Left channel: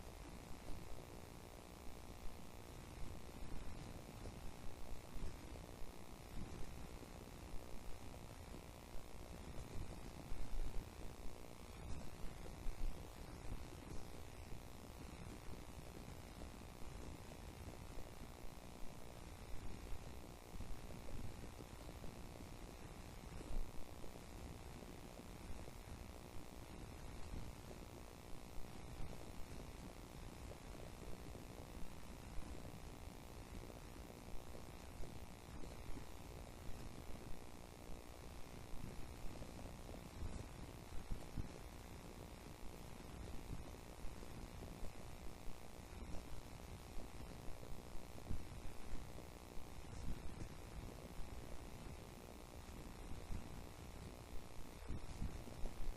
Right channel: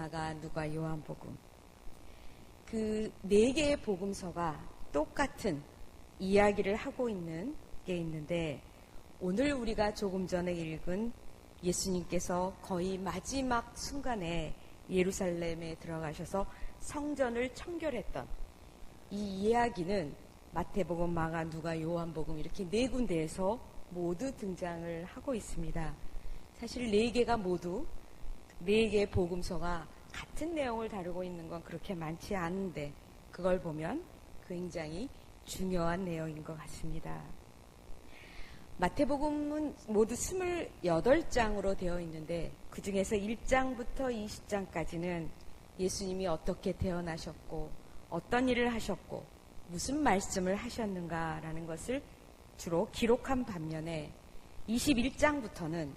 마가, 누가, 요한복음. 그 네 개의 복음서가 똑같은 이야기를 하고 있는 게 있는데, 오늘 우리가 조금 전에 읽은 예수님께서 거의 마지막 순간에 예루살렘에 들어가셔서 성전을 청결했던 이 이야기는 마태복음, 마가, 누가, 요한복음 이렇게 네 군데에서 모두 등장을 하고 있습니다. 사실 네 개가 모두 네 개의 복음서가 같은 내용을 다루고 있는 건 그렇게 많지 않은데 그걸 보면 굉장히 중요한 내용인 것 같습니다. 마태복음은 모두 28장으로 되어 있는데 그 중에서 1장부터 20장까지는 예수님이 어떻게 태어나셨고 어떤 일을 하셨고 무슨 말씀을 하셨는가라는 것을 주로 기록한 반면에 21장부터는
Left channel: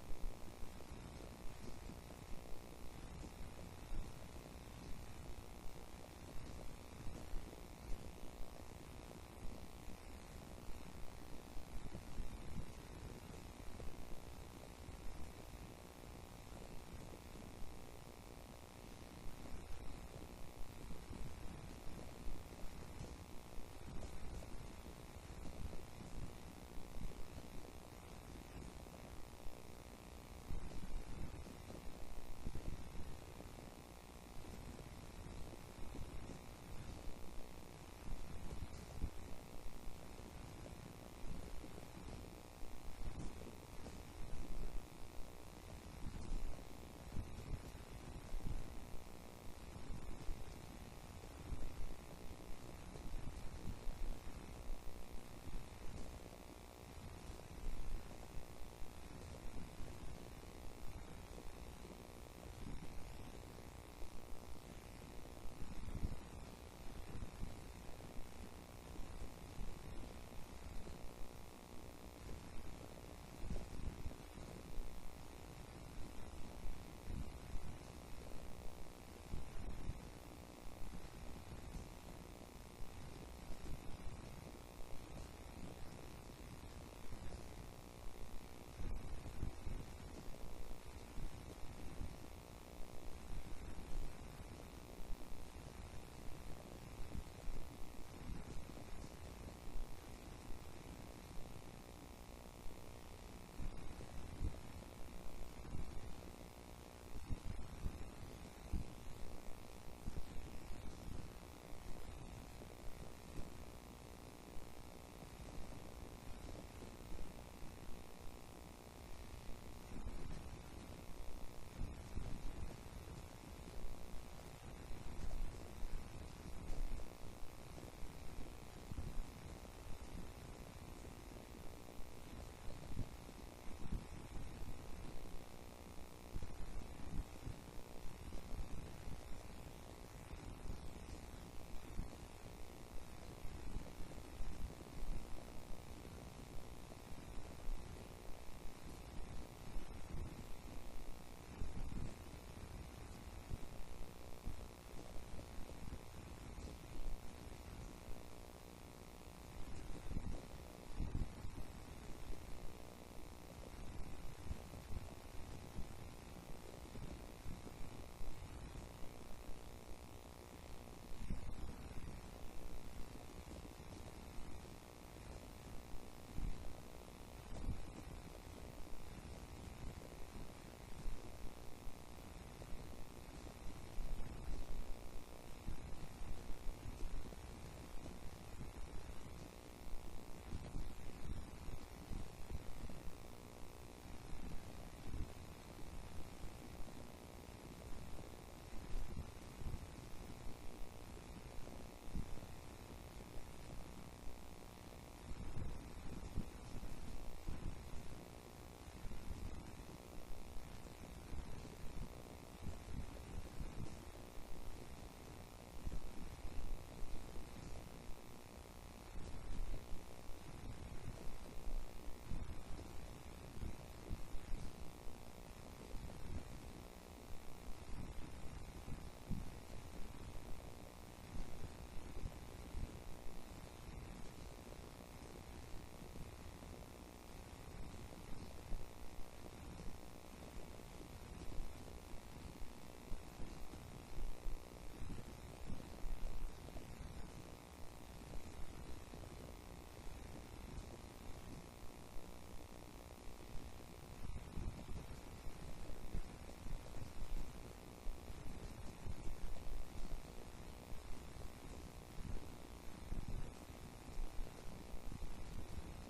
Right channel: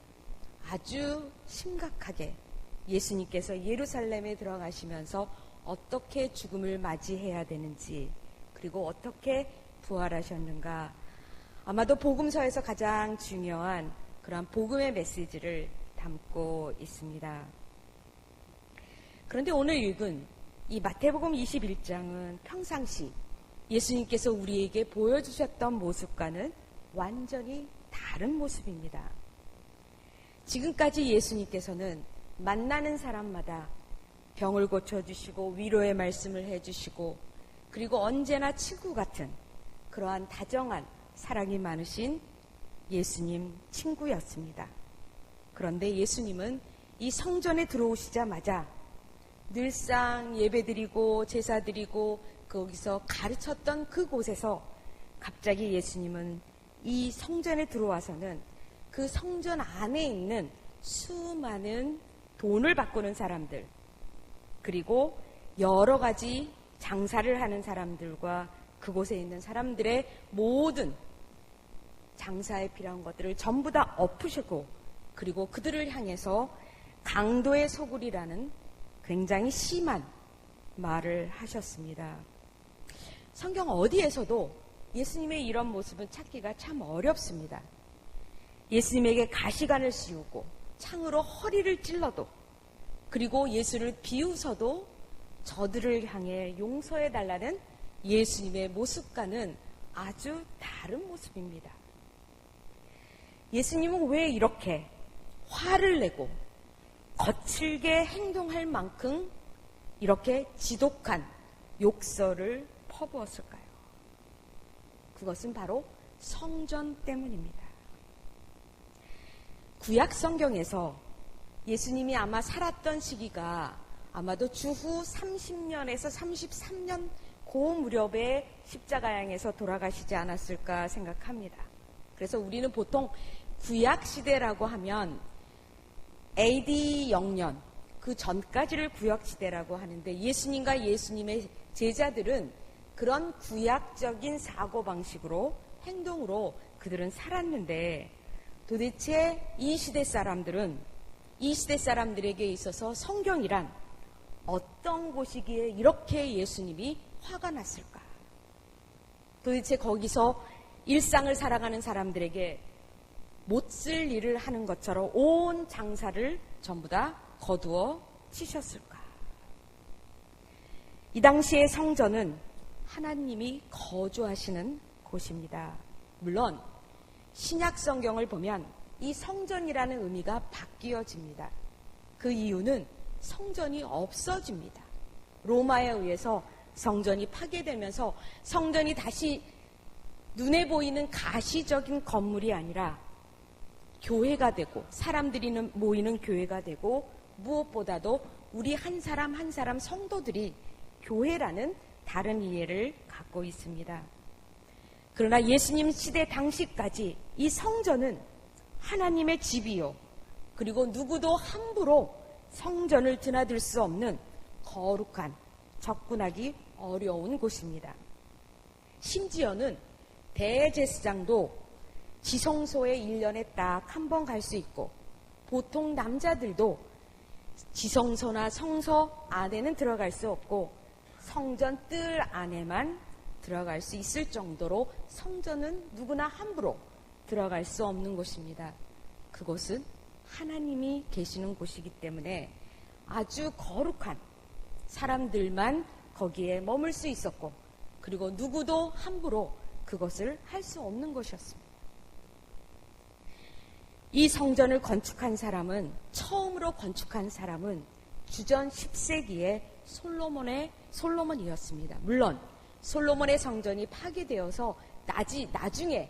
아주 심각하게 예수님께서 예루살렘에 들어가시면서 어떻게 죽음을 맞이해야 되는지 그리고 어떻게 부활하셨는가, 아마도 복음서에서 가장 중요한 그런 복음의 메시지를 담고 있습니다. 그런데 오늘 읽은 이 마태복음 21장은 평상시 예수님께서 우리에게 보여주셨던 모습과는 완전히 다른 모습입니다. 지금까지 예수님께서는 만나는 사람마다 병을 고쳐주시고 위로의 말씀을 해주시고 그리고 언제나 친구 같은 그러한 다정한 사랑이 많으신 예수님 친구였습니다. 그런데 예수님은 이 성전에 들어오시자마자 늘상 예배드리고 제사드리고 거기서 가르쳤던 그곳에서 갑자기 예수님은 이 성전에 들어와서는 그 성전 안에 있는 수많은 돈을 바꾸는 사람들 그리고 여러 가지 장사를 하는 사람들과 그곳에 있는 사람들의 모든 장사에 필요한 것들을 전부 다 엎으시고 그리고 그들을 향해서 강도의 소굴이라는 굉장히 심한 말을 하셨습니다. 성경 어디에서도 예수님의 이런 모습은 찾기가 참 어렵습니다. 예수님에게 가시관을 씌우고 창으로 허리를 찔러도 그리고 예수를 비웃어도 저들을 향해 용서해달라는 예수님의 모습과는 아주 다른 모습입니다. 예수님은 왜 이렇게 화를 내고 거칠게 행동할 만큼 이렇게 지독한 욕설을 퍼부었을까요? 그것은 바로 성전 때문입니다. 구약 성경에서 예수님이 아마 살았던 시기가 아마도 주후 30년에서 33년 그 무렵에 십자가양에서 돌아가시지 않았을까 생각합니다. 그래서 우리는 보통 구약 시대라고 하면 AD 0년 그 전까지를 구약 시대라고 하는데 예수님과 예수님의 제자들은 그런 구약적인 사고방식으로 행동으로 그들은 살았는데 도대체 이 시대 사람들에게 있어서 성경이란 어떤 곳이기에 이렇게 예수님이 화가 났을까? 도대체 거기서 일상을 살아가는 사람들에게 못 쓸 일을 하는 것처럼 온 장사를 전부 다 거두어 치셨을까? 이 당시의 성전은 하나님이 거주하시는 곳입니다. 물론 신약 성경을 보면 이 성전이라는 의미가 바뀌어집니다. 그 이유는 성전이 없어집니다. 로마에 의해서 성전이 파괴되면서 성전이 다시 눈에 보이는 가시적인 건물이 아니라 교회가 되고 사람들이 모이는 교회가 되고 무엇보다도 우리 한 사람 한 사람 성도들이 교회라는 다른 이해를 갖고 있습니다. 그러나 예수님 시대 당시까지 이 성전은 하나님의 집이요 그리고 누구도 함부로 성전을 드나들 수 없는 거룩한 접근하기 어려운 곳입니다. 심지어는 대제사장도 지성소에 1년에 딱 한 번 갈 수 있고 보통 남자들도 지성소나 성소 안에는 들어갈 수 없고 성전 뜰 안에만 들어갈 수 있을 정도로 성전은 누구나 함부로 들어갈 수 없는 곳입니다. 그곳은 하나님이 계시는 곳이기 때문에 아주 거룩한 사람들만 거기에 머물 수 있었고, 그리고 누구도 함부로 그것을 할 수 없는 것이었습니다. 이 성전을 건축한 사람은, 처음으로 건축한 사람은 주전 10세기의 솔로몬이었습니다. 물론 솔로몬의 성전이 파괴되어서 나중에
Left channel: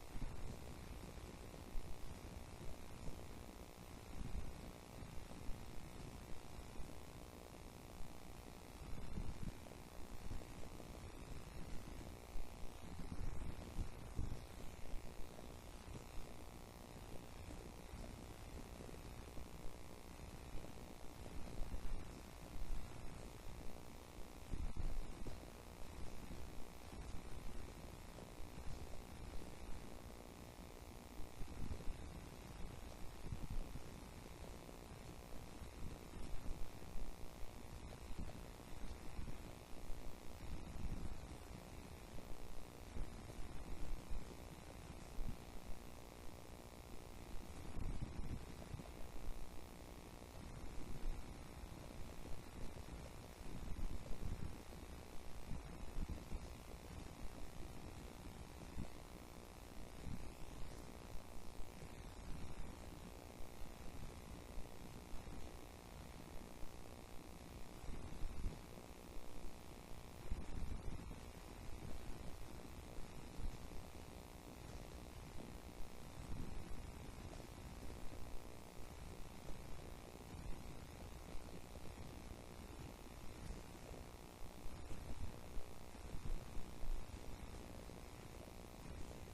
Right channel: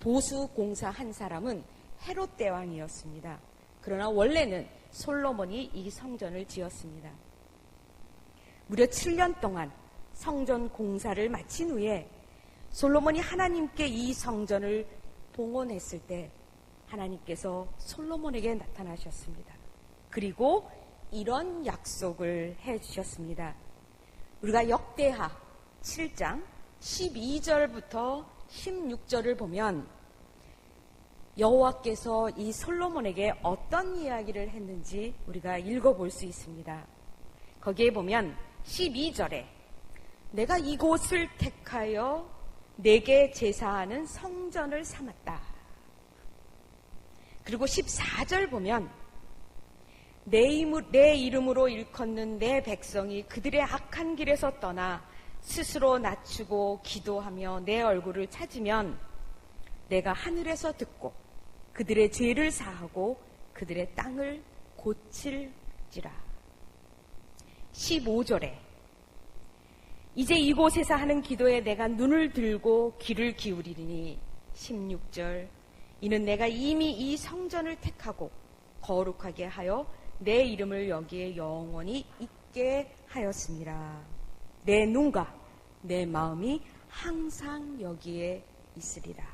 보수 공사한 사람은 헤롯 대왕이었습니다. 그러나 원래는 솔로몬이 이 성전을 지었습니다. 무려 7년 동안 성전 공사를 마친 후에 솔로몬이 하나님께 이 성전을 봉헌했을 때 하나님께서 솔로몬에게 나타나셨습니다. 그리고 이런 약속을 해주셨습니다. 우리가 역대하 7장 12절부터 16절을 보면 여호와께서 이 솔로몬에게 어떤 이야기를 했는지 우리가 읽어볼 수 있습니다. 거기에 보면 12절에 내가 이곳을 택하여 내게 제사하는 성전을 삼았다. 그리고 14절 보면 내 이름으로 일컫는 내 백성이 그들의 악한 길에서 떠나 스스로 낮추고 기도하며 내 얼굴을 찾으면 내가 하늘에서 듣고 그들의 죄를 사하고 그들의 땅을 고칠지라. 15절에 이제 이곳에서 하는 기도에 내가 눈을 들고 귀를 기울이리니. 16절 이는 내가 이미 이 성전을 택하고 거룩하게 하여 내 이름을 여기에 영원히 있게 하였습니다. 내 눈과 내 마음이 항상 여기에 있으리라.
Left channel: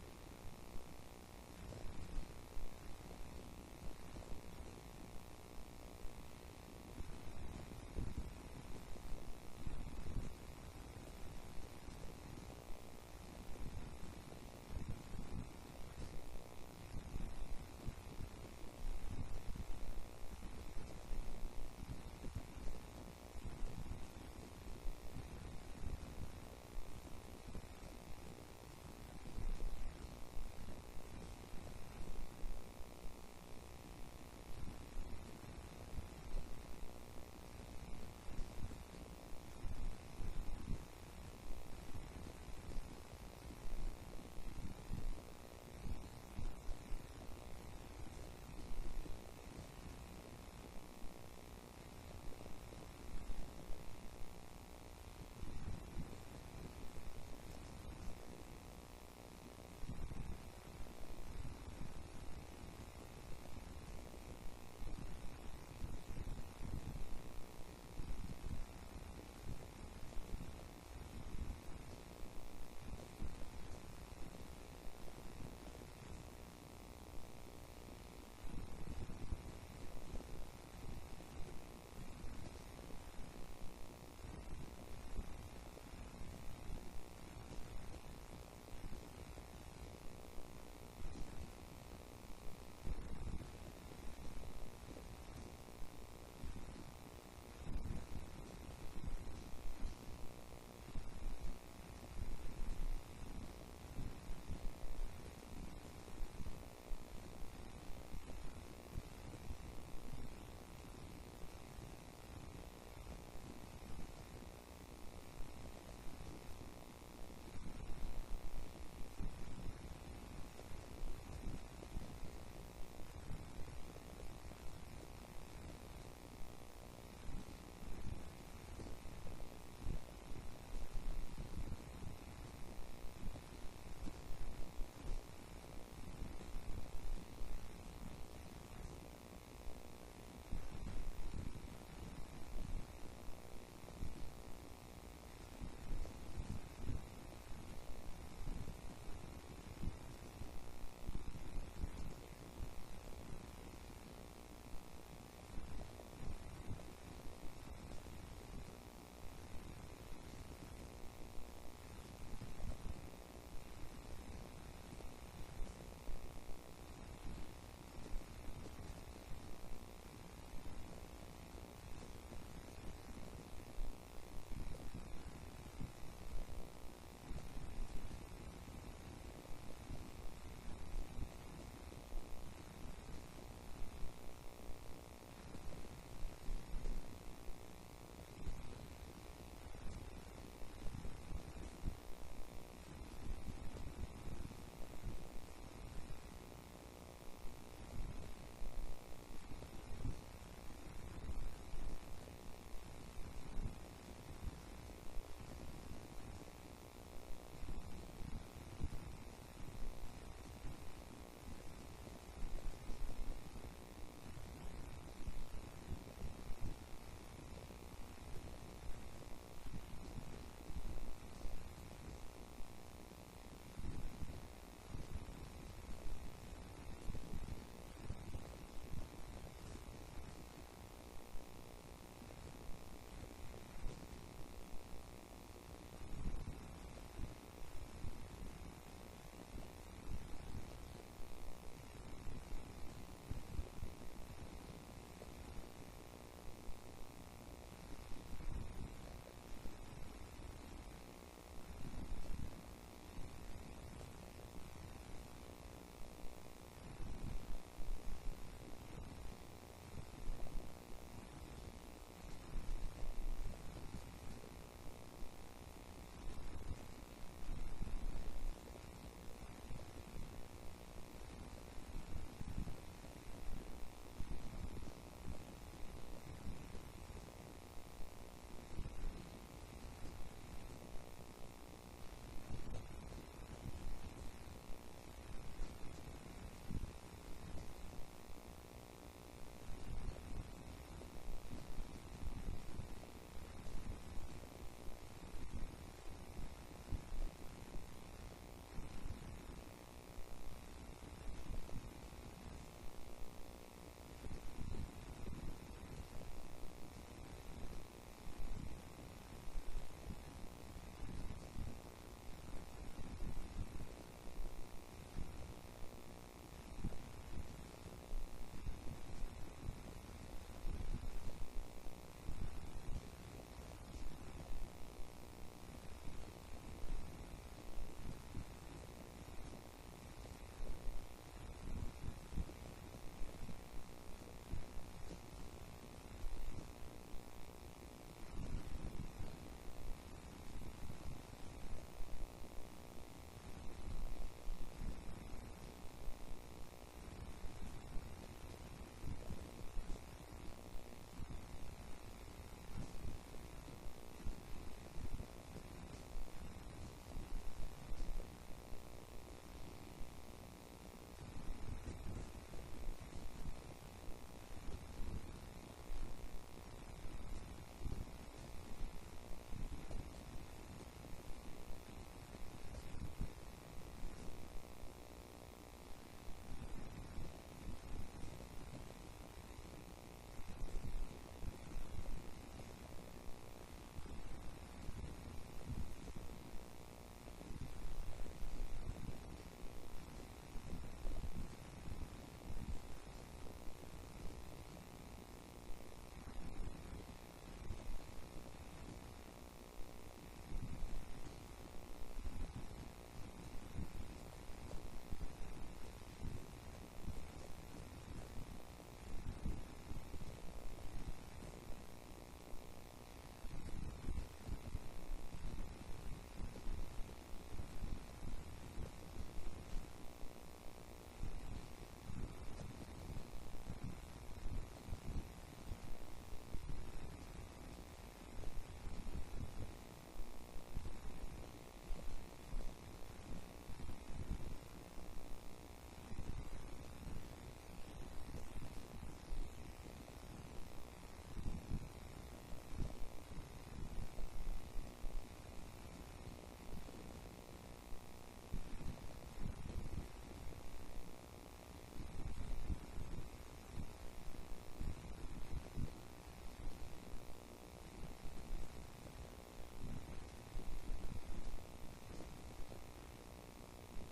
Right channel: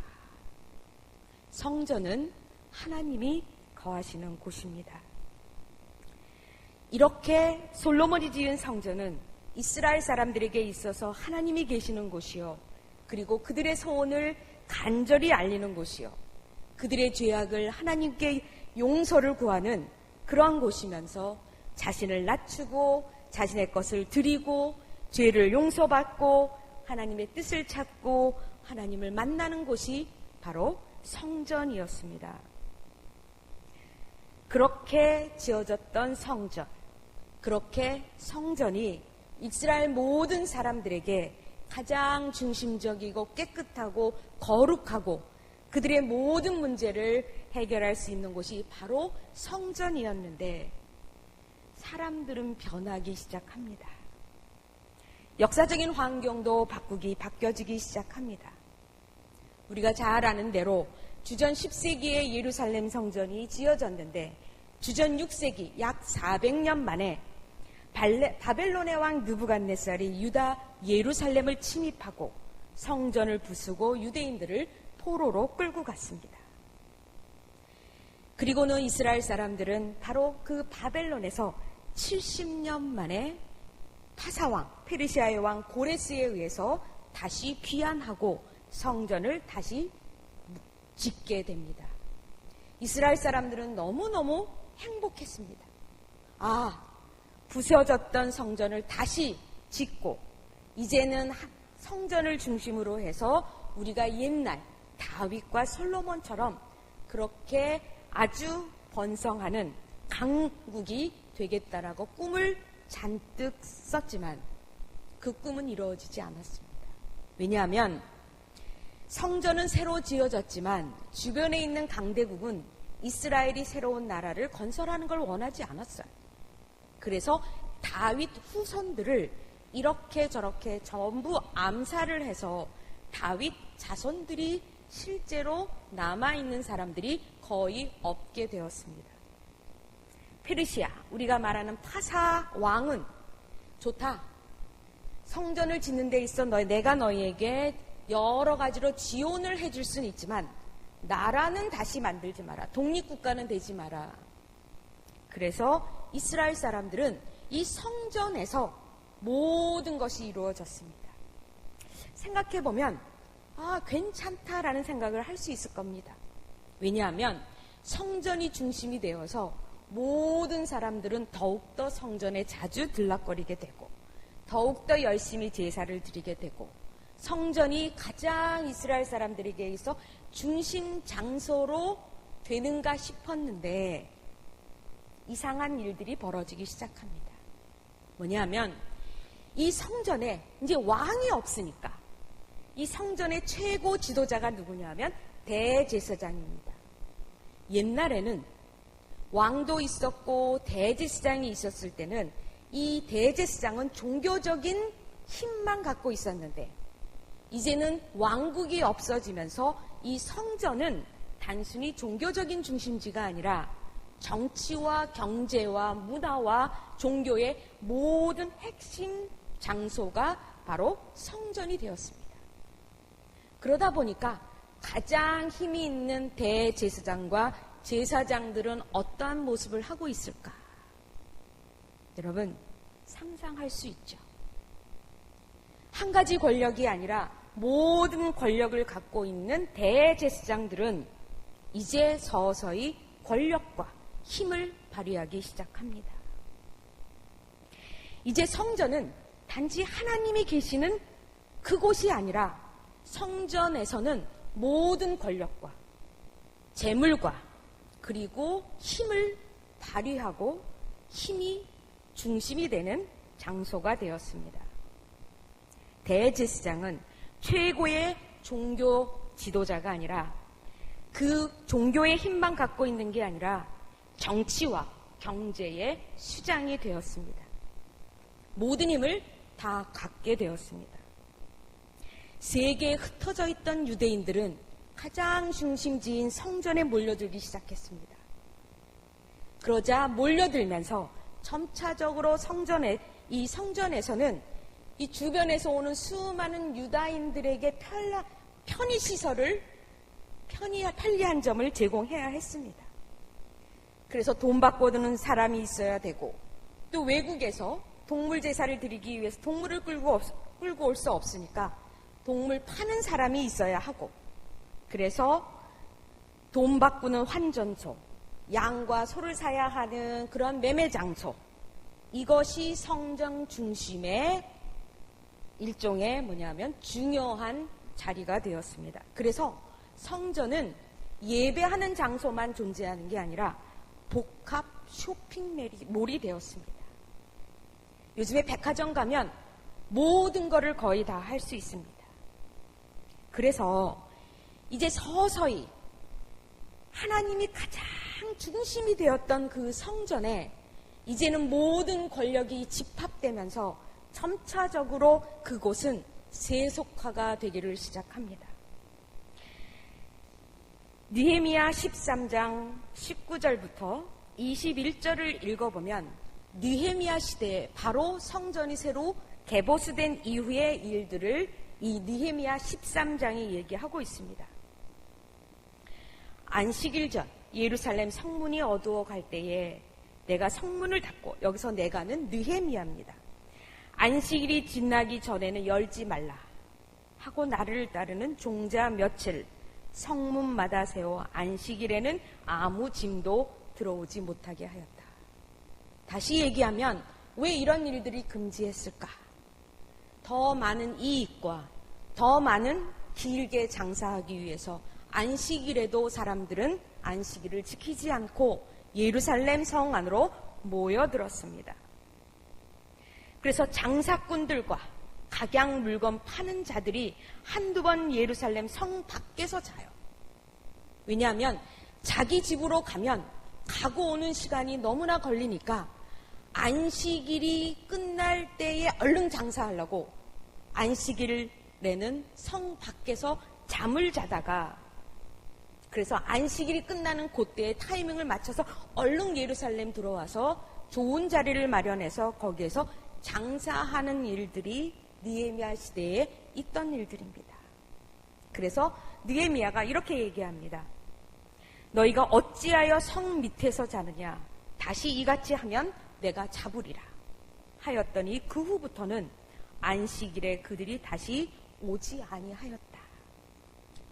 성전은 하나님이 거하시는 곳입니다. 이렇게 솔로몬이 지은 성전은 이스라엘 사람들에게 있어서 하나님이 계시는 곳이요, 그리고 그들의 소원을 간절히 알리는 곳이요, 그들의 죄악을 하나님께 용서를 구하는 그러한 곳이면서 자신을 낮추고 자신의 것을 드리고 죄를 용서받고 하나님의 뜻을 찾고 하나님을 만나는 곳이 바로 성전이었습니다. 그렇게 지어졌던 성전, 그렇게 성전이 이스라엘 모든 사람들에게 가장 중심적이고 깨끗하고 거룩하고 그들의 모든 문제를 해결할 수 있는 곳이 바로 성전이었는데, 사람들은 변하기 시작합니다. 역사적인 환경도 바뀌어지기 시작합니다. 우리가 잘 아는 대로 주전 10세기에 예루살렘 성전이 지어졌는데 주전 6세기 약 400년 만에 바벨론의 왕 느부갓네살이 유다 예루살렘을 침입하고 성전을 부수고 유대인들을 포로로 끌고 갔습니다. 그리고는 이스라엘 사람들은 바로 그 바벨론에서 70년 만에 파사왕, 페르시아의 왕 고레스에 의해서 다시 귀환하고 성전을 다시 짓게 됩니다. 이스라엘 사람들은 너무너무 행복했습니다. 부서졌던 성전을 다시 짓고 이제는 성전을 중심으로 해서 우리가 옛날 다윗과 솔로몬처럼 그렇게 아주 번성하는 강국이 되겠다라고 꿈을 잔뜩 썼지만 그 꿈은 이루어지지 않았습니다. 왜냐하면 성전은 새로 지어졌지만 주변에 있는 강대국은 이스라엘이 새로운 나라를 건설하는 걸 원하지 않았어요. 그래서 다윗 후손들을 이렇게 저렇게 전부 암살을 해서 다윗 자손들이 실제로 남아있는 사람들이 거의 없게 되었습니다. 페르시아, 우리가 말하는 파사 왕은 좋다. 성전을 짓는 데 있어 내가 너희에게 여러 가지로 지원을 해줄 수는 있지만 나라는 다시 만들지 마라. 독립국가는 되지 마라. 그래서 이스라엘 사람들은 이 성전에서 모든 것이 이루어졌습니다. 생각해보면 괜찮다라는 생각을 할 수 있을 겁니다. 왜냐하면 성전이 중심이 되어서 모든 사람들은 더욱더 성전에 자주 들락거리게 되고 더욱더 열심히 제사를 드리게 되고 성전이 가장 이스라엘 사람들에게 있어 중심 장소로 되는가 싶었는데 이상한 일들이 벌어지기 시작합니다. 뭐냐면 이 성전에 이제 왕이 없으니까 이 성전의 최고 지도자가 누구냐면 대제사장입니다. 옛날에는 왕도 있었고 대제사장이 있었을 때는 이 대제사장은 종교적인 힘만 갖고 있었는데 이제는 왕국이 없어지면서 이 성전은 단순히 종교적인 중심지가 아니라 정치와 경제와 문화와 종교의 모든 핵심 장소가 바로 성전이 되었습니다. 그러다 보니까 가장 힘이 있는 대제사장과 제사장들은 어떠한 모습을 하고 있을까? 여러분, 상상할 수 있죠. 한 가지 권력이 아니라 모든 권력을 갖고 있는 대제사장들은 이제 서서히 권력과 힘을 발휘하기 시작합니다. 이제 성전은 단지 하나님이 계시는 그곳이 아니라 성전에서는 모든 권력과 재물과 그리고 힘을 발휘하고 힘이 중심이 되는 장소가 되었습니다. 대제사장은 최고의 종교 지도자가 아니라 그 종교의 힘만 갖고 있는 게 아니라 정치와 경제의 수장이 되었습니다. 모든 힘을 다 갖게 되었습니다. 세계에 흩어져 있던 유대인들은 가장 중심지인 성전에 몰려들기 시작했습니다. 그러자 몰려들면서 점차적으로 이 성전에서는 이 주변에서 오는 수많은 유다인들에게 편리한 점을 제공해야 했습니다. 그래서 돈 받고 드는 사람이 있어야 되고 또 외국에서 동물 제사를 드리기 위해서 동물을 끌고 올 수 없으니까 동물 파는 사람이 있어야 하고 그래서 돈 바꾸는 환전소, 양과 소를 사야 하는 그런 매매 장소 이것이 성전 중심의 일종의 중요한 자리가 되었습니다. 그래서 성전은 예배하는 장소만 존재하는 게 아니라 복합 쇼핑몰이 되었습니다. 요즘에 백화점 가면 모든 것을 거의 다 할 수 있습니다. 그래서 이제 서서히 하나님이 가장 중심이 되었던 그 성전에 이제는 모든 권력이 집합되면서 점차적으로 그곳은 세속화가 되기를 시작합니다. 느헤미야 13장 19절부터 21절을 읽어보면 느헤미야 시대에 바로 성전이 새로 개보수된 이후의 일들을 이 느헤미야 13장이 얘기하고 있습니다. 안식일 전 예루살렘 성문이 어두워갈 때에 내가 성문을 닫고 여기서 내가는 느헤미야입니다. 안식일이 지나기 전에는 열지 말라 하고 나를 따르는 종자 며칠 성문마다 세워 안식일에는 아무 짐도 들어오지 못하게 하였다. 다시 얘기하면 왜 이런 일들이 금지했을까? 더 많은 이익과 더 많은 길게 장사하기 위해서 안식일에도 사람들은 안식일을 지키지 않고 예루살렘 성 안으로 모여들었습니다. 그래서 장사꾼들과 각양 물건 파는 자들이 한두 번 예루살렘 성 밖에서 자요. 왜냐하면 자기 집으로 가면 가고 오는 시간이 너무나 걸리니까 안식일이 끝날 때에 얼른 장사하려고 안식일에는 성 밖에서 잠을 자다가 그래서 안식일이 끝나는 그때의 타이밍을 맞춰서 얼른 예루살렘 들어와서 좋은 자리를 마련해서 거기에서 장사하는 일들이 느헤미야 시대에 있던 일들입니다. 그래서 느헤미야가 이렇게 얘기합니다. 너희가 어찌하여 성 밑에서 자느냐? 다시 이같이 하면 내가 잡으리라 하였더니 그 후부터는 안식일에 그들이 다시 오지 아니하였다.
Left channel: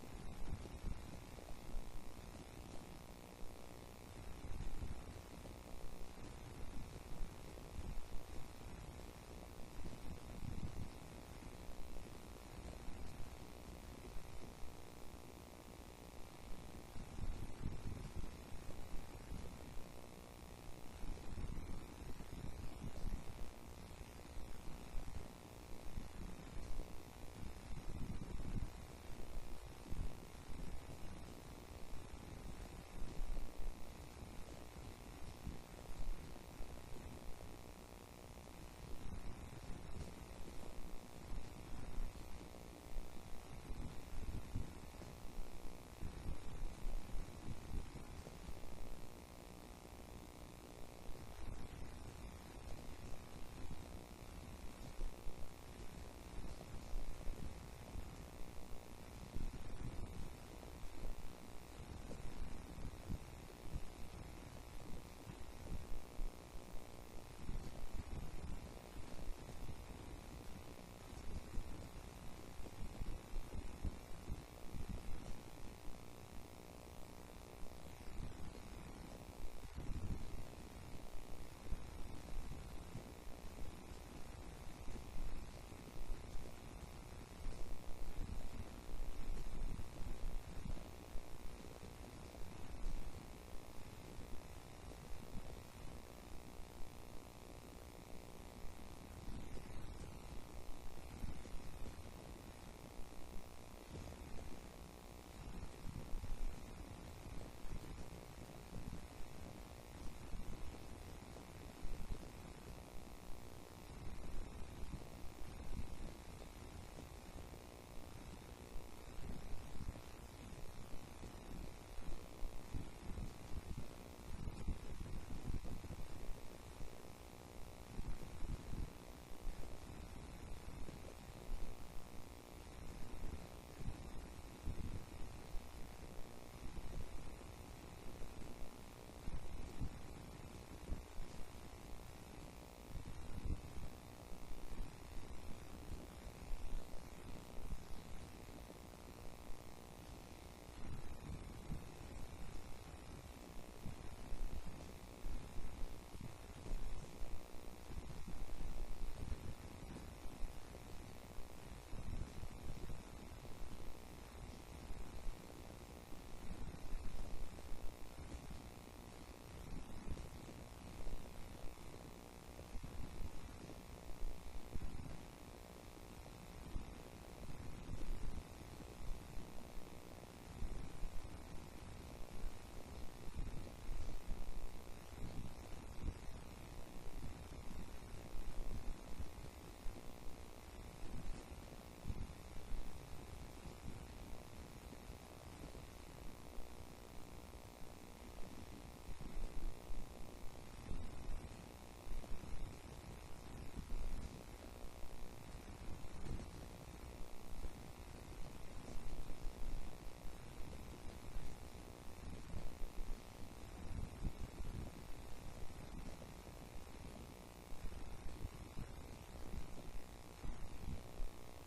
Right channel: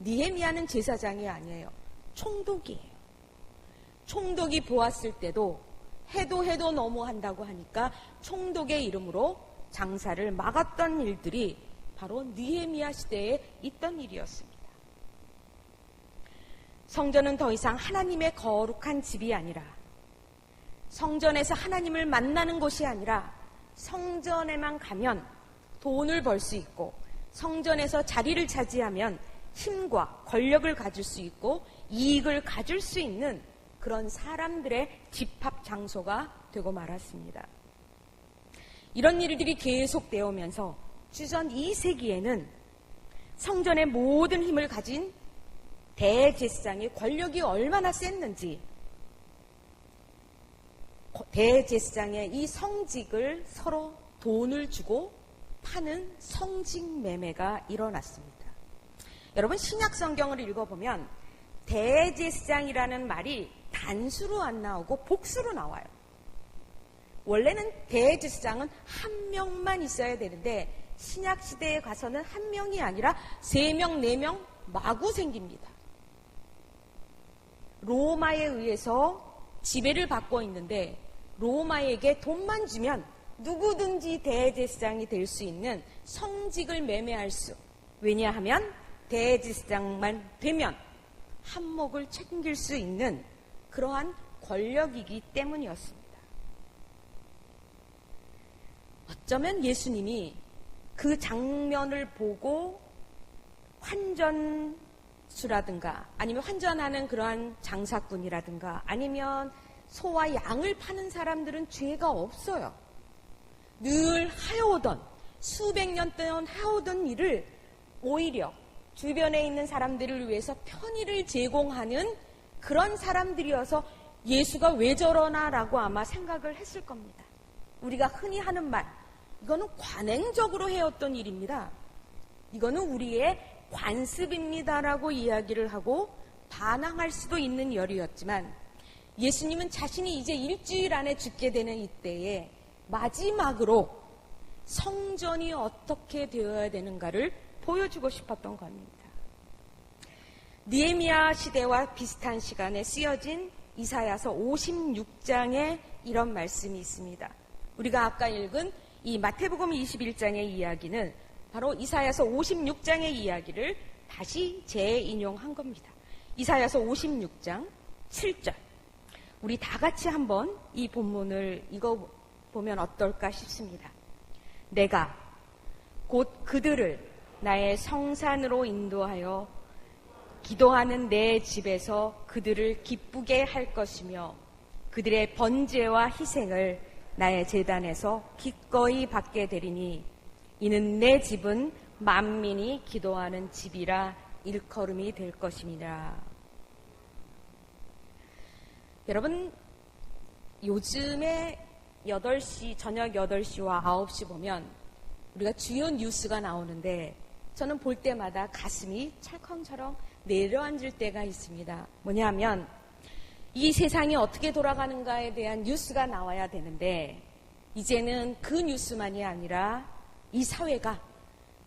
느헤미야는 제사장이 아니에요. 총독이에요. 총독이 보았을 때도 해도 너무한다고 하니까 총독의 이름으로 장사를 막았던 일들이 바로 느헤미야 시대에 있던 일이었습니다. 성전은 더 이상 하나님의 거룩한 집이 아니라 성전에서 하나님을 만나는 곳이 아니라 성전에만 가면 돈을 벌 수 있고 성전에서 자리를 차지하면 힘과 권력을 가질 수 있고 이익을 가질 수 있는 그런 사람들의 집합 장소가 되고 말았습니다. 이런 일들이 계속되어 오면서 주전 2세기에는 성전의 모든 힘을 가진 대제사장의 권력이 얼마나 셌는지 대제사장의 이 성직을 서로 돈을 주고 파는 성직 매매가 일어났습니다. 여러분 신약 성경을 읽어보면 대제사장이라는 말이 단수로 안 나오고 복수로 나와요. 원래는 대제사장은 한 명만 있어야 되는데 신약 시대에 가서는 한 명이 아니라 3명, 4명 마구 생깁니다. 로마에 의해서 지배를 받고 있는데 로마에게 돈만 주면 누구든지 대제사장이 될 수 있는 성직을 매매할 수. 왜냐하면 대제사장만 되면 한몫을 챙길 수 있는 그러한 권력이기 때문이었습니다. 어쩌면 예수님이 그 장면을 보고 환전수라든가 아니면 환전하는 그러한 장사꾼이라든가 아니면 소와 양을 파는 사람들은 죄가 없어요. 늘 해오던 수백 년 동안 해오던 일을 오히려 주변에 있는 사람들을 위해서 편의를 제공하는 그런 사람들이어서 예수가 왜 저러나 라고 아마 생각을 했을 겁니다. 우리가 흔히 하는 말, 이거는 관행적으로 해왔던 일입니다. 이거는 우리의 관습입니다라고 이야기를 하고 반항할 수도 있는 열이었지만 예수님은 자신이 이제 일주일 안에 죽게 되는 이때에 마지막으로 성전이 어떻게 되어야 되는가를 보여주고 싶었던 겁니다. 느헤미야 시대와 비슷한 시간에 쓰여진 이사야서 56장에 이런 말씀이 있습니다. 우리가 아까 읽은 이 마태복음 21장의 이야기는 바로 이사야서 56장의 이야기를 다시 재인용한 겁니다. 이사야서 56장 7절. 우리 다 같이 한번 이 본문을 읽어보면 어떨까 싶습니다. 내가 곧 그들을 나의 성산으로 인도하여 기도하는 내 집에서 그들을 기쁘게 할 것이며 그들의 번제와 희생을 나의 제단에서 기꺼이 받게 되리니 이는 내 집은 만민이 기도하는 집이라 일컬음이 될 것입니다. 여러분 요즘에 8시, 저녁 8시와 9시 보면 우리가 주요 뉴스가 나오는데 저는 볼 때마다 가슴이 찰컹처럼 내려앉을 때가 있습니다. 뭐냐면 이 세상이 어떻게 돌아가는가에 대한 뉴스가 나와야 되는데 이제는 그 뉴스만이 아니라 이 사회가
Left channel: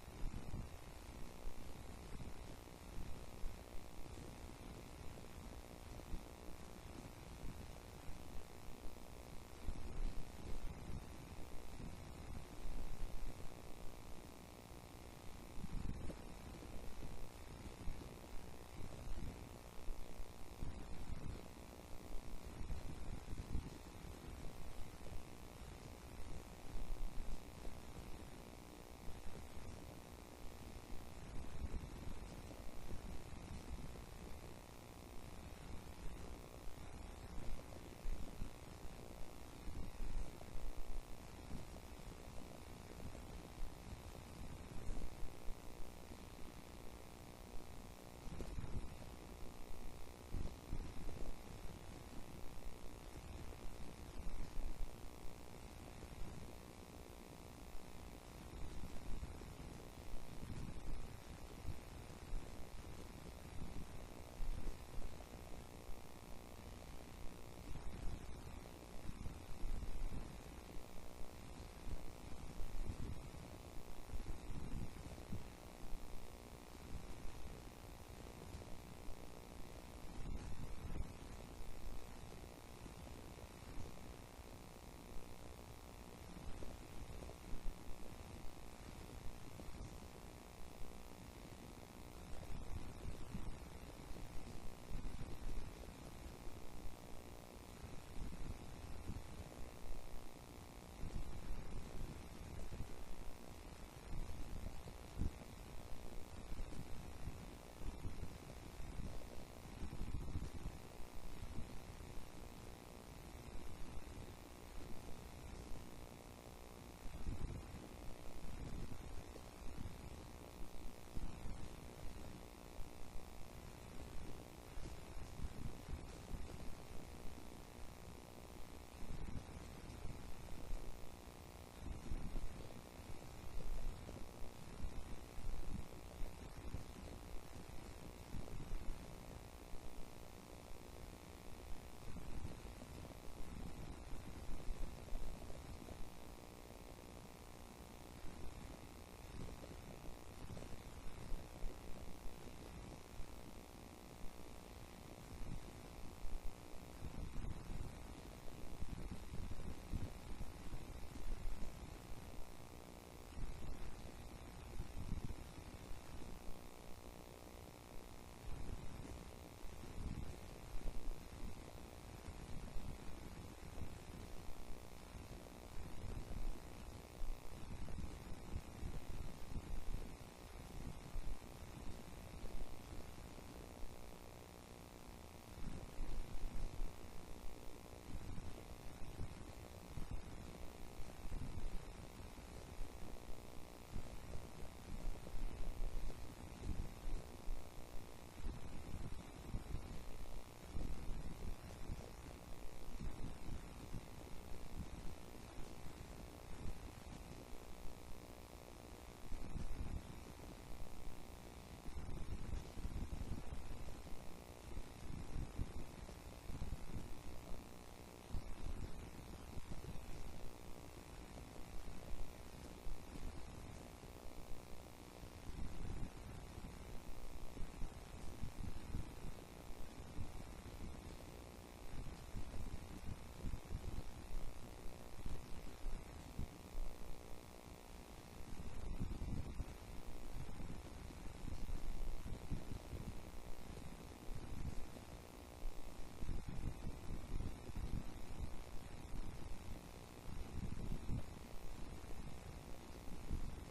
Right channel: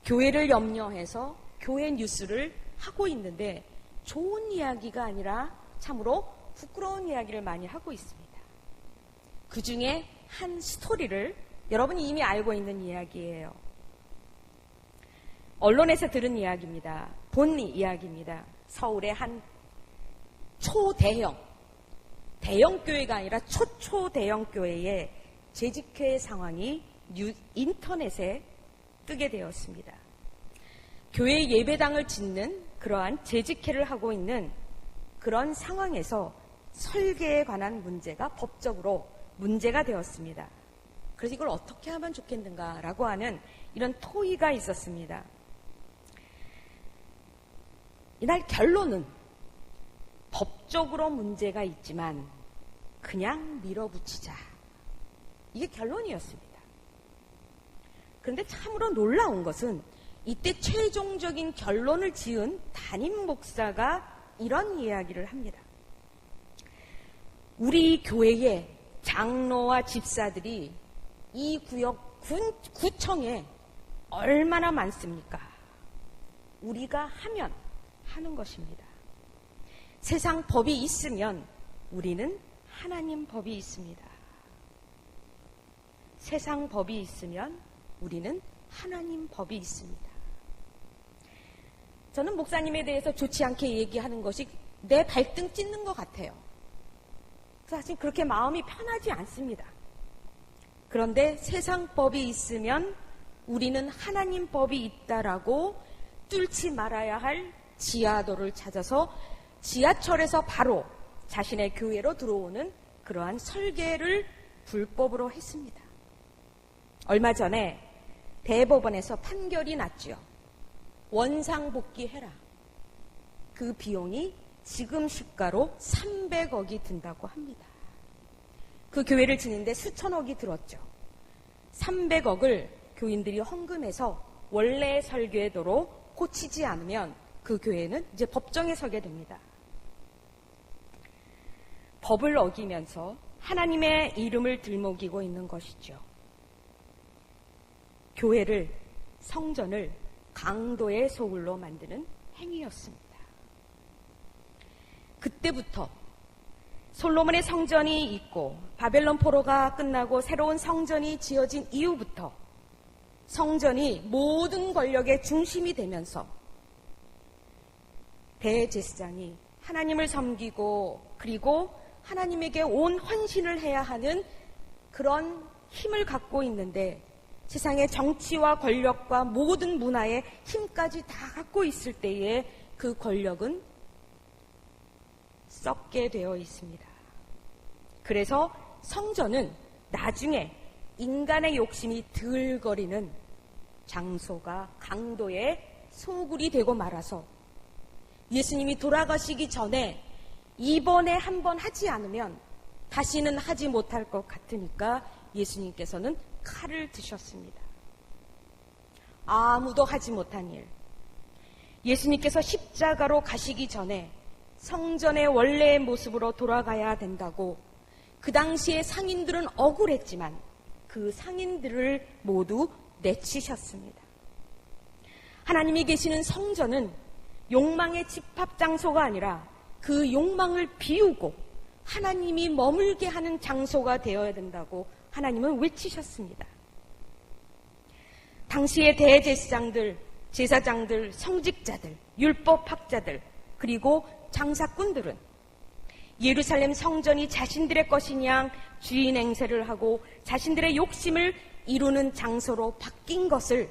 교회를 염려해서 교회 뉴스를 하고 있는데 좋은 이야기가 아니라 참으로 부끄러운 이야기를 많이 하고 있습니다. 그 중에 한 스토리를 여러분이 이미 알고 있는 이야기예요. 언론에서 들은 이야기입니다. 본 이야기입니다. 서울의 한 대형 교회가 아니라 초대형 교회의 재직회 상황이 인터넷에 뜨게 되었습니다. 교회 예배당을 짓는 그러한 재직회를 하고 있는 그런 상황에서 설계에 관한 문제가 법적으로 문제가 되었습니다. 그래서 이걸 어떻게 하면 좋겠는가라고 하는 이런 토의가 있었습니다. 이날 결론은 법적으로 문제가 있지만 그냥 밀어붙이자. 이게 결론이었습니다. 그런데 참으로 놀라운 것은 이때 최종적인 결론을 지은 담임 목사가 이런 이야기를 합니다. 우리 교회의 장로와 집사들이 이 구청에 얼마나 많습니까? 우리가 하면 하는 것입니다. 세상 법이 있으면 우리는 하나님 법이 있습니다. 세상 법이 있으면 우리는 하나님 법이 있습니다. 저는 목사님에 대해서 좋지 않게 얘기하는 것이 내 발등 찢는 것 같아요. 사실 그렇게 마음이 편하지 않습니다. 그런데 세상 법이 있으면 우리는 하나님 법이 있다라고 뚫지 말아야 할 지하도를 찾아서 지하철에서 바로 자신의 교회로 들어오는 그러한 설계를 불법으로 했습니다. 얼마 전에 대법원에서 판결이 났지요. 원상복귀해라. 그 비용이 지금 시가로 300억이 든다고 합니다. 그 교회를 지는데 수천억이 들었죠. 300억을 교인들이 헌금해서 원래 설계도로 고치지 않으면 그 교회는 이제 법정에 서게 됩니다. 법을 어기면서 하나님의 이름을 들먹이고 있는 것이죠. 교회를, 성전을 강도의 소굴로 만드는 행위였습니다. 그때부터 솔로몬의 성전이 있고 바벨론 포로가 끝나고 새로운 성전이 지어진 이후부터 성전이 모든 권력의 중심이 되면서 대제사장이 하나님을 섬기고 그리고 하나님에게 온 헌신을 해야 하는 그런 힘을 갖고 있는데 세상의 정치와 권력과 모든 문화의 힘까지 다 갖고 있을 때에 그 권력은 썩게 되어 있습니다. 그래서 성전은 나중에 인간의 욕심이 들거리는 장소가 강도의 소굴이 되고 말아서 예수님이 돌아가시기 전에 이번에 한번 하지 않으면 다시는 하지 못할 것 같으니까 예수님께서는 칼을 드셨습니다. 아무도 하지 못한 일. 예수님께서 십자가로 가시기 전에 성전의 원래의 모습으로 돌아가야 된다고 그 당시에 상인들은 억울했지만 그 상인들을 모두 내치셨습니다. 하나님이 계시는 성전은 욕망의 집합장소가 아니라 그 욕망을 비우고 하나님이 머물게 하는 장소가 되어야 된다고 하나님은 외치셨습니다. 당시의 대제사장들, 제사장들, 성직자들, 율법학자들, 그리고 장사꾼들은 예루살렘 성전이 자신들의 것이냐 주인 행세를 하고 자신들의 욕심을 이루는 장소로 바뀐 것을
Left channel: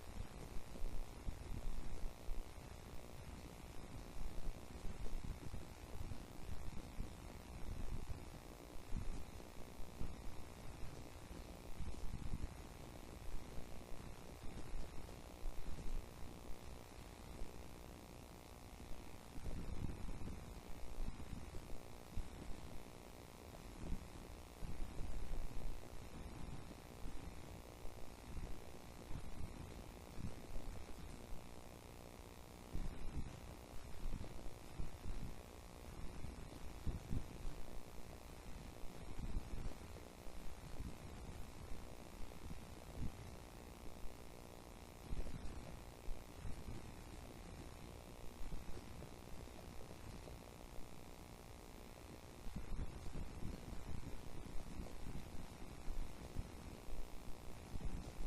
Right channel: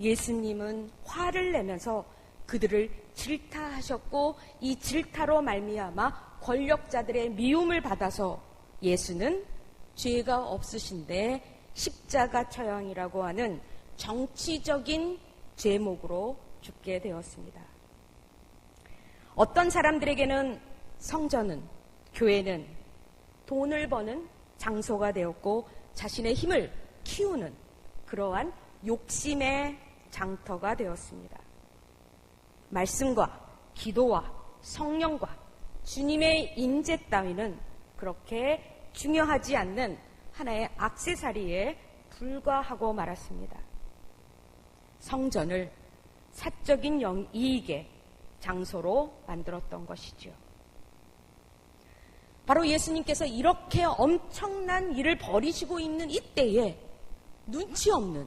예수님은 화를 내면서 그들을 질타하셨고 이 질타로 말미암아 권력자들의 미움을 받아서 예수는 죄가 없으신데 십자가 처형이라고 하는 정치적인 죄목으로 죽게 되었습니다. 어떤 사람들에게는 성전은, 교회는 돈을 버는 장소가 되었고 자신의 힘을 키우는 그러한 욕심의 장터가 되었습니다. 말씀과 기도와 성령과 주님의 임재 따위는 그렇게 중요하지 않는 하나의 액세서리에 불과하고 말았습니다. 성전을 사적인 이익의 장소로 만들었던 것이죠. 바로 예수님께서 이렇게 엄청난 일을 벌이시고 있는 이때에 눈치 없는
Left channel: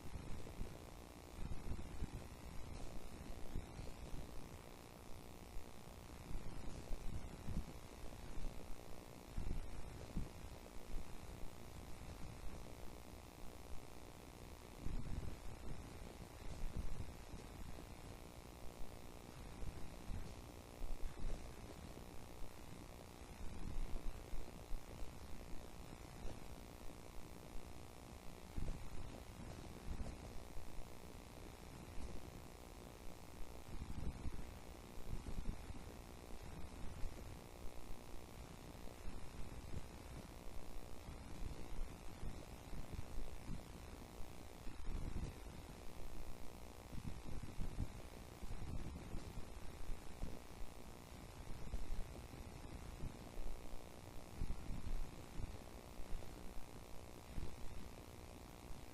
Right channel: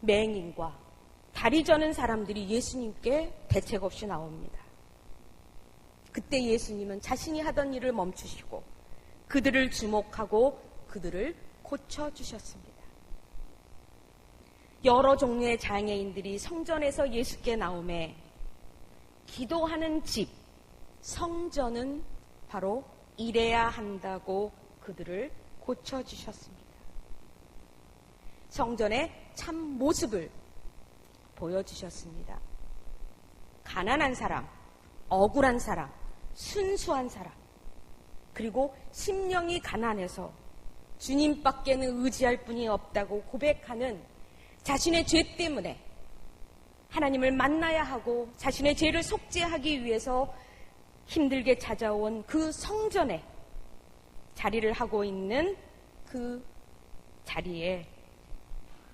맹인과 다리 저는 사람들이 예수님께 대책 없이 나옵니다. 그때 예수님은 자신이 하던 일을 멈추시고 그들을 주목하고 그들을 고쳐주셨습니다. 여러 종류의 장애인들이 성전에서 예수께 나오매 기도하는 집, 성전은 바로 이래야 한다고 그들을 고쳐주셨습니다. 성전의 참 모습을 보여주셨습니다. 가난한 사람, 억울한 사람, 순수한 사람, 그리고 심령이 가난해서 주님밖에는 의지할 분이 없다고 고백하는 자신의 죄 때문에 하나님을 만나야 하고 자신의 죄를 속죄하기 위해서 힘들게 찾아온 그 성전에 자리를 하고 있는 그 자리에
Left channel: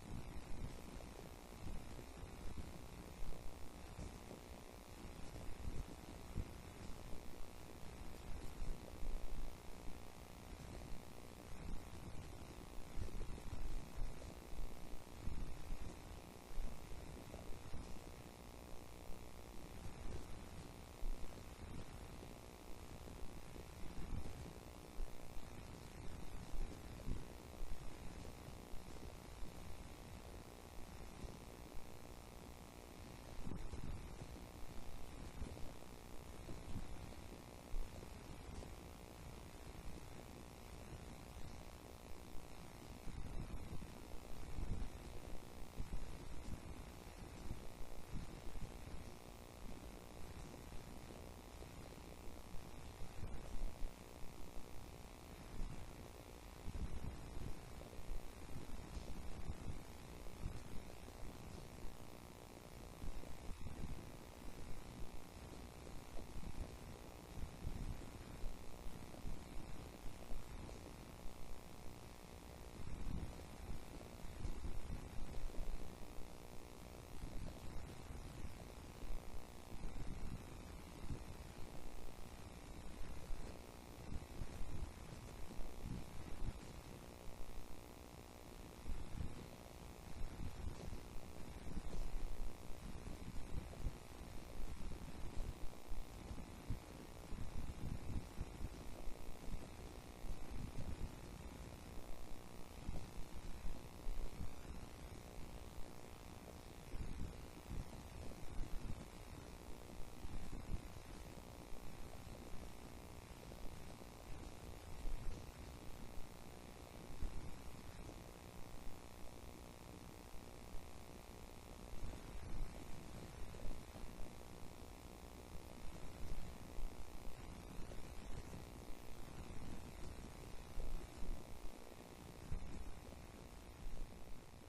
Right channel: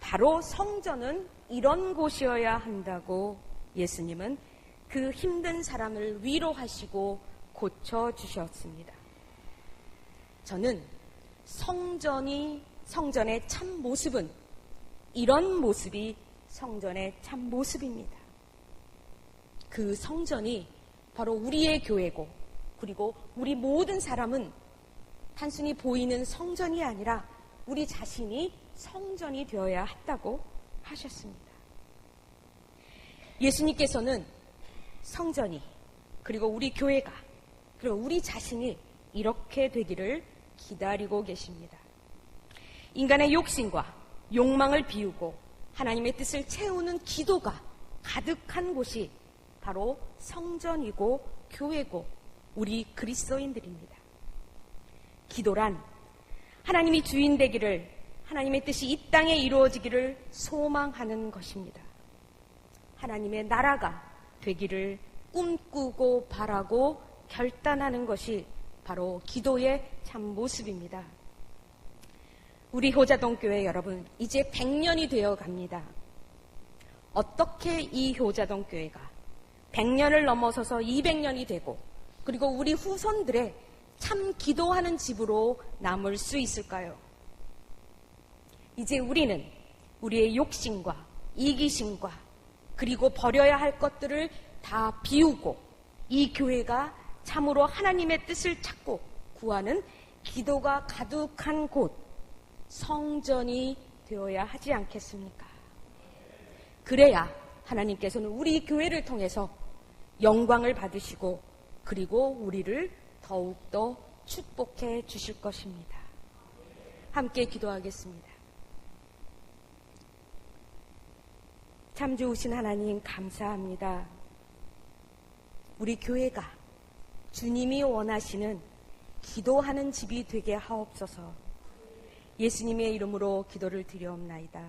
바로 성전은 이런 곳이어야 한다고 예수님은 그 힘든 사람을 위로하시고 고쳐주셨습니다. 저는 성전의 참 모습은 이런 모습이 성전의 참 모습입니다. 그 성전이 바로 우리의 교회고 그리고 우리 모든 사람은 단순히 보이는 성전이 아니라 우리 자신이 성전이 되어야 한다고 하셨습니다. 예수님께서는 성전이, 그리고 우리 교회가, 그리고 우리 자신이 이렇게 되기를 기다리고 계십니다. 인간의 욕심과 욕망을 비우고 하나님의 뜻을 채우는 기도가 가득한 곳이 바로 성전이고 교회고 우리 그리스도인들입니다. 기도란 하나님이 주인 되기를, 하나님의 뜻이 이 땅에 이루어지기를 소망하는 것입니다. 하나님의 나라가 되기를 꿈꾸고 바라고 결단하는 것이 바로 기도의 참 모습입니다. 우리 효자동교회 여러분, 이제 100년이 되어 갑니다. 어떻게 이 효자동교회가 100년을 넘어서서 200년이 되고, 그리고 우리 후손들의 참 기도하는 집으로 남을 수 있을까요? 이제 우리는 우리의 욕심과 이기심과 그리고 버려야 할 것들을 다 비우고 이 교회가 참으로 하나님의 뜻을 찾고 구하는 기도가 가득한 곳, 성전이 되어야 하지 않겠습니까? 그래야 하나님께서는 우리 교회를 통해서 영광을 받으시고 그리고 우리를 더욱더 축복해 주실 것입니다. 함께 기도하겠습니다. 참 좋으신 하나님 감사합니다. 우리 교회가 주님이 원하시는 기도하는 집이 되게 하옵소서. 예수님의 이름으로 기도를 드리옵나이다.